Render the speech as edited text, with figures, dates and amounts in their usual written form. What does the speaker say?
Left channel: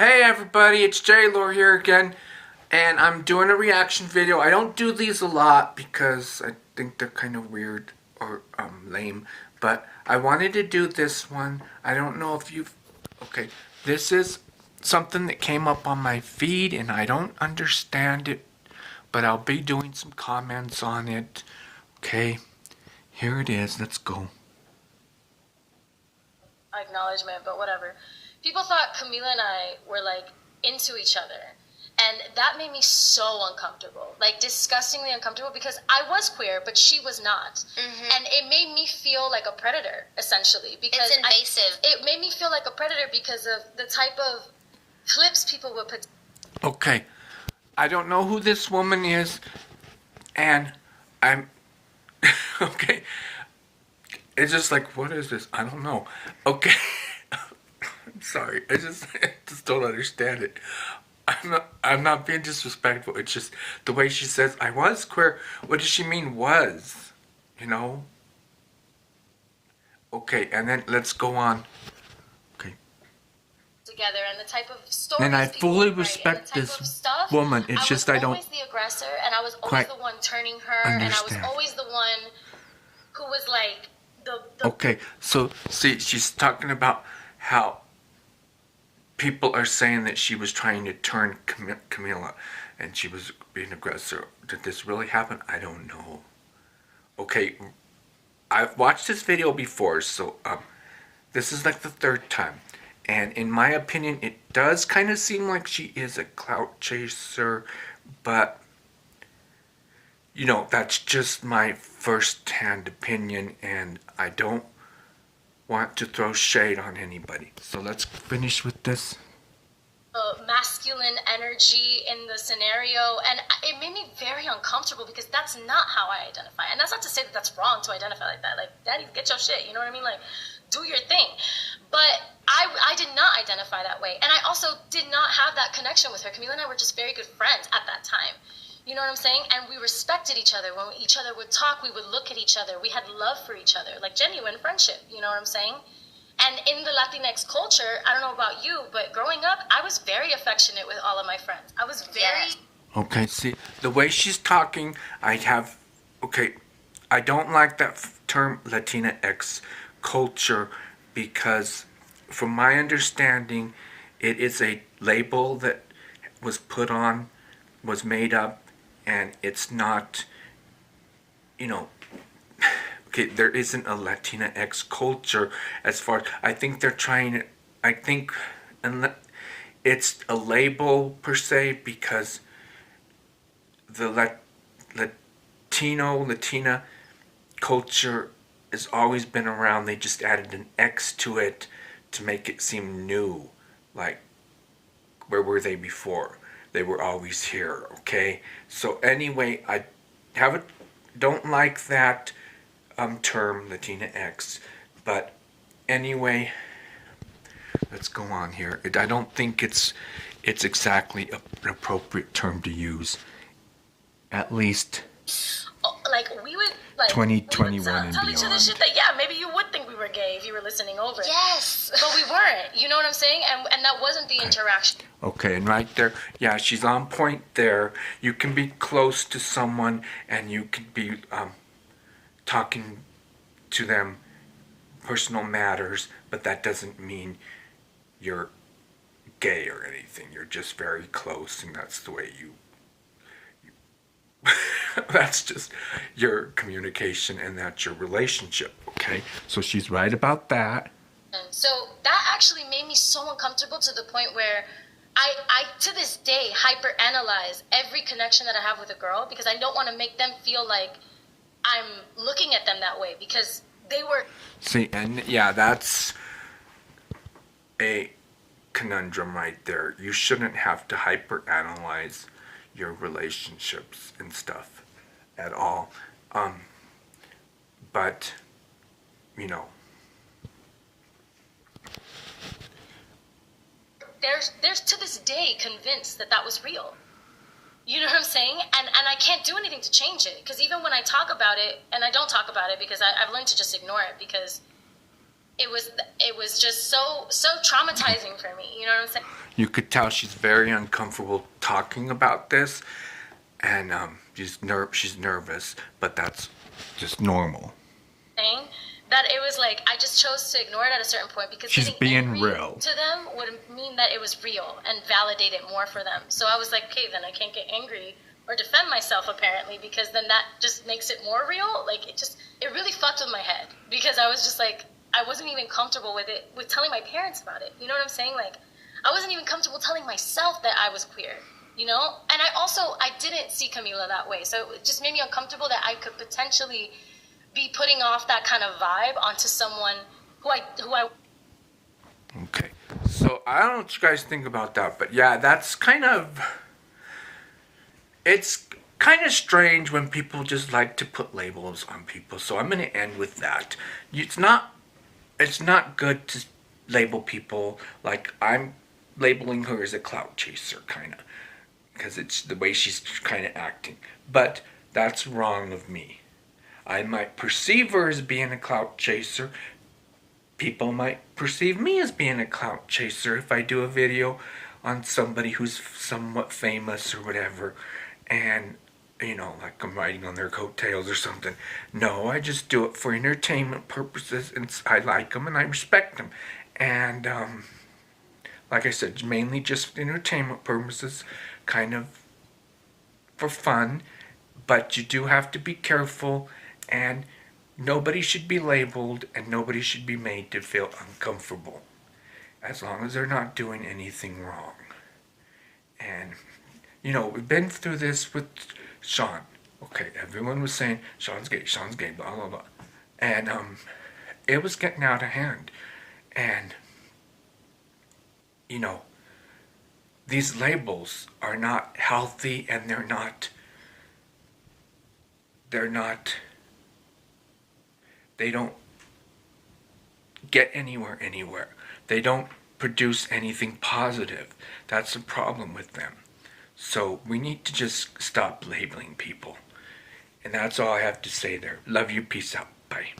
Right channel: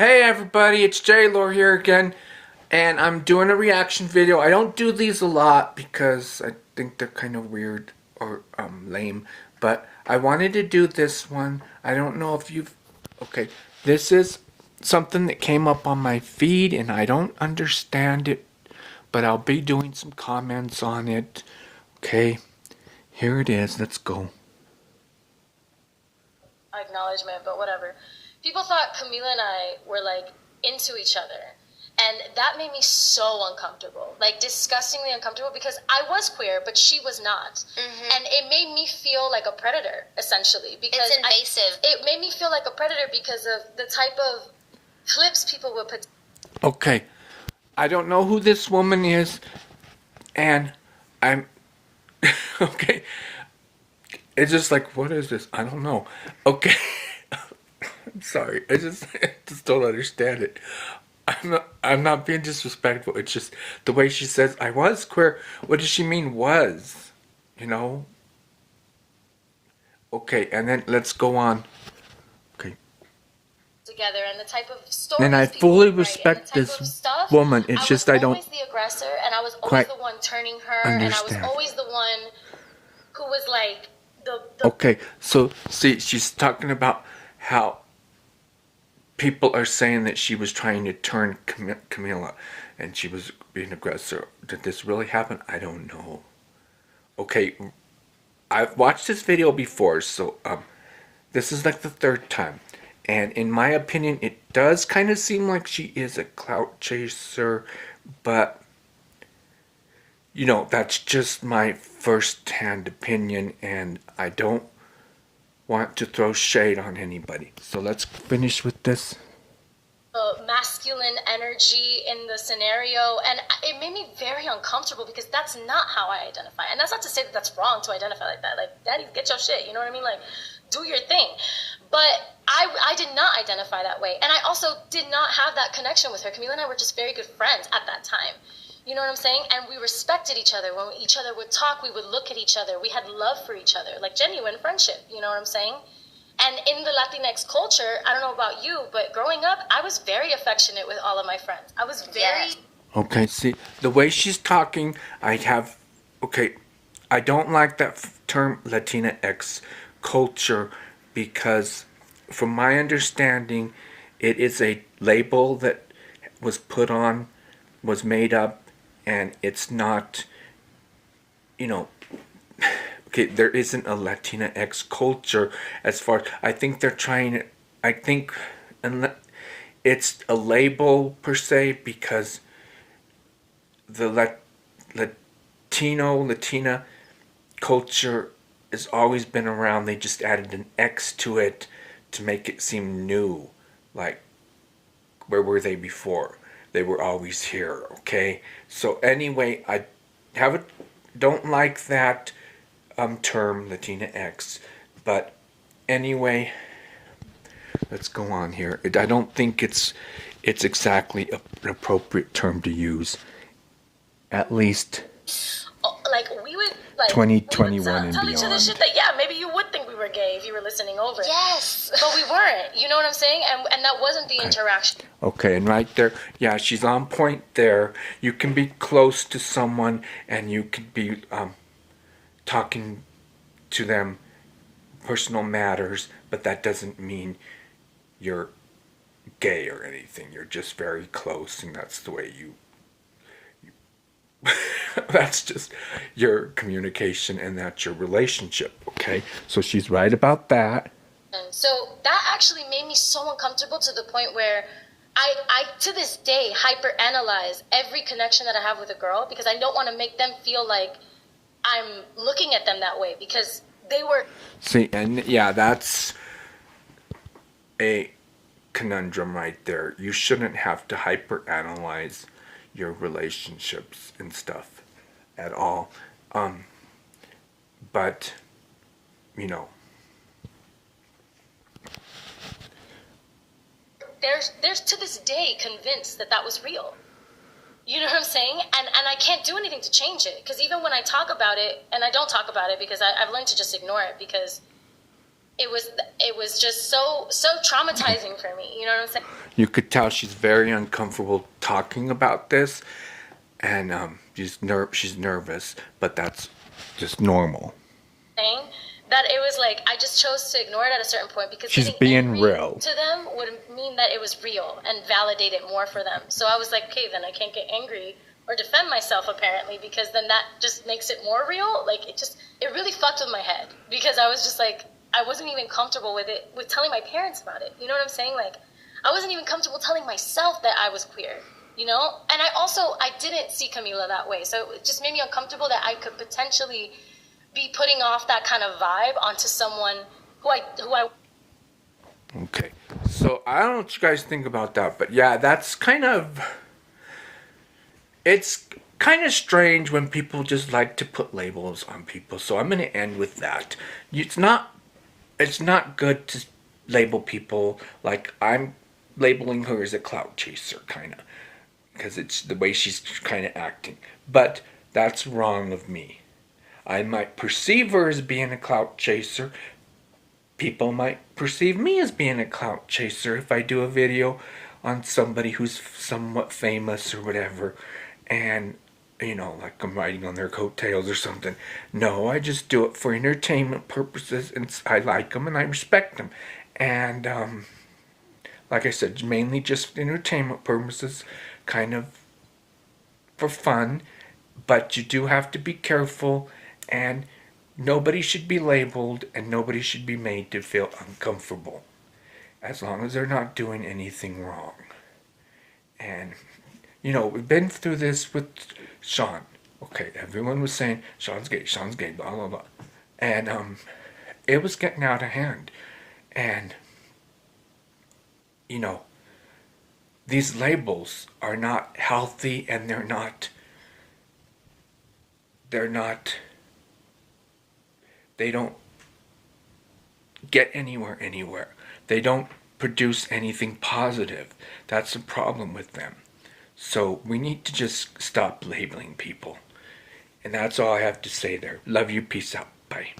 Hey everybody, it's J-Lore here again, and I'm doing a reaction video. I don't do these a lot because I think they're kind of weird or lame, but I wanted to do this one. I don't know if you've... Okay, this is something that came up on my feed and I don't understand it, but I'll be doing some comments on it. Okay, here it is. Let's go. Acknowledgement, but whatever. People thought Camila and I were like into each other, and that made me so uncomfortable, like disgustingly uncomfortable, because I was queer but she was not. And it made me feel like a predator, essentially, because it's invasive. It made me feel like a predator because of the type of clips people would put. Okay, I don't know who this woman is, and I'm okay. It's just like, what is this? I don't know. Okay. I'm sorry. I just don't understand it. I'm not being disrespectful. It's just the way she says I was queer. What does she mean was? You know? Okay, and then let's go on. Okay. Together, and the type of stories. And I fully respect this woman. It's just I don't. I was always the aggressor, and I was always the one turning her, and I was always the one who was like the. Okay, so see, she's talking about how people are saying that she was trying to turn Camila and she was being aggressive. Did this really happen? I don't know. Okay, I've watched this video before, so this is like the third time. And in my opinion, it does kind of seem like she is a clout chaser, but you know, that's just my first-hand opinion, and I don't want to throw shade on anybody. So let's finish with this. Masculine energy in the scenario, and it made me very uncomfortable because that's not how I identify. And that's not to say that that's wrong to identify like that. Like, daddy, get your shit, you know what I mean? Like, do your thing. But I did not identify that way. And I also did not have that connection with her. Camila and I were just very good friends at that time. You know what I'm saying? And we respected each other. When each other would talk, we would look at each other. We had love for each other, like genuine friendship. You know what I'm saying? And in the Latinx culture, I don't know about you, but growing up, I was very affectionate with all of my friends. I was very... Okay, see, the way she's talking, okay, I don't like that term Latinx culture because from my understanding, it is a label that was put on, was made up, and it's not, you know, okay, there isn't a Latinx culture as far, I think they're trying, I think it's a label per se because the Latina culture has always been around. They just added an X to it to make it seem new. Like, where were they before? They were always here, okay? So anyway, I don't like that term Latinx, but anyway, let's go on here. I don't think it's exactly an appropriate term to use. At least like we would like 2021 and tell each other shit that maybe you would think we were gay if you were listening over. Yes, but we weren't. You know what I'm saying? And that wasn't the interaction. Okay, and right there, yeah, she's on point there. You can be close to someone and you can be talking to them personal matters, but that doesn't mean you're gay or anything. You're just very close, and that's the way you that's just your communication, and that's your relationship, okay? So she's right about that. And so that actually made me so uncomfortable to the point where I to this day hyperanalyze every connection that I have with a girl because I don't want to make them feel like I'm looking at them that way because they were... See, and yeah, that's a conundrum right there. You shouldn't have to hyperanalyze your relationships and stuff at all. But, you know. There's to this day convinced that was real. You know what I'm saying? And I can't do anything to change it. Because even when I talk about it, and I don't talk about it because I've learned to just ignore it because it was just so traumatizing for me. You know what I'm saying? You could tell she's very uncomfortable talking about this, and she's nervous, but that's just normal. That it was like I just chose to ignore it at a certain point because She's getting being angry real to them would mean that it was real and validate it more for them. So I was like, okay, then I can't get angry or defend myself apparently, because then that just makes it more real. Like it really fucked with my head, because I was just like, I wasn't even comfortable with telling my parents about it. You know what I'm saying? Like, I wasn't even comfortable telling myself that I was queer, you know? And I didn't see Camila that way. So it just made me uncomfortable that I could potentially be putting off that kind of vibe onto someone who I. Okay. So I don't know what you guys think about that, but yeah, that's it's kind of strange when people just like to put labels on people. So I'm going to end with that. It's not good to label people. Like, I'm labeling her as a clout chaser, kind of, because it's the way she's kind of acting. But that's wrong of me. I might perceive her as being a clout chaser. People might perceive me as being a clout chaser if I do a video on somebody who's somewhat famous or whatever, and like I'm riding on their coattails or something. No, I just do it for entertainment purposes, and I like them and I respect them. And like I said, mainly just entertainment purposes, kind of for fun. But you do have to be careful, and nobody should be labeled, and nobody should be made to feel uncomfortable, as long as they're not doing anything wrong. And we've been through this with Sean. Okay, everyone was saying Sean's gay, blah blah blah, and it was getting out of hand. And these labels are not healthy, and they're not. They don't get anywhere. They don't produce anything positive. That's the problem with them. So we need to just stop labeling people. And that's all I have to say there. Love you. Peace out. Bye.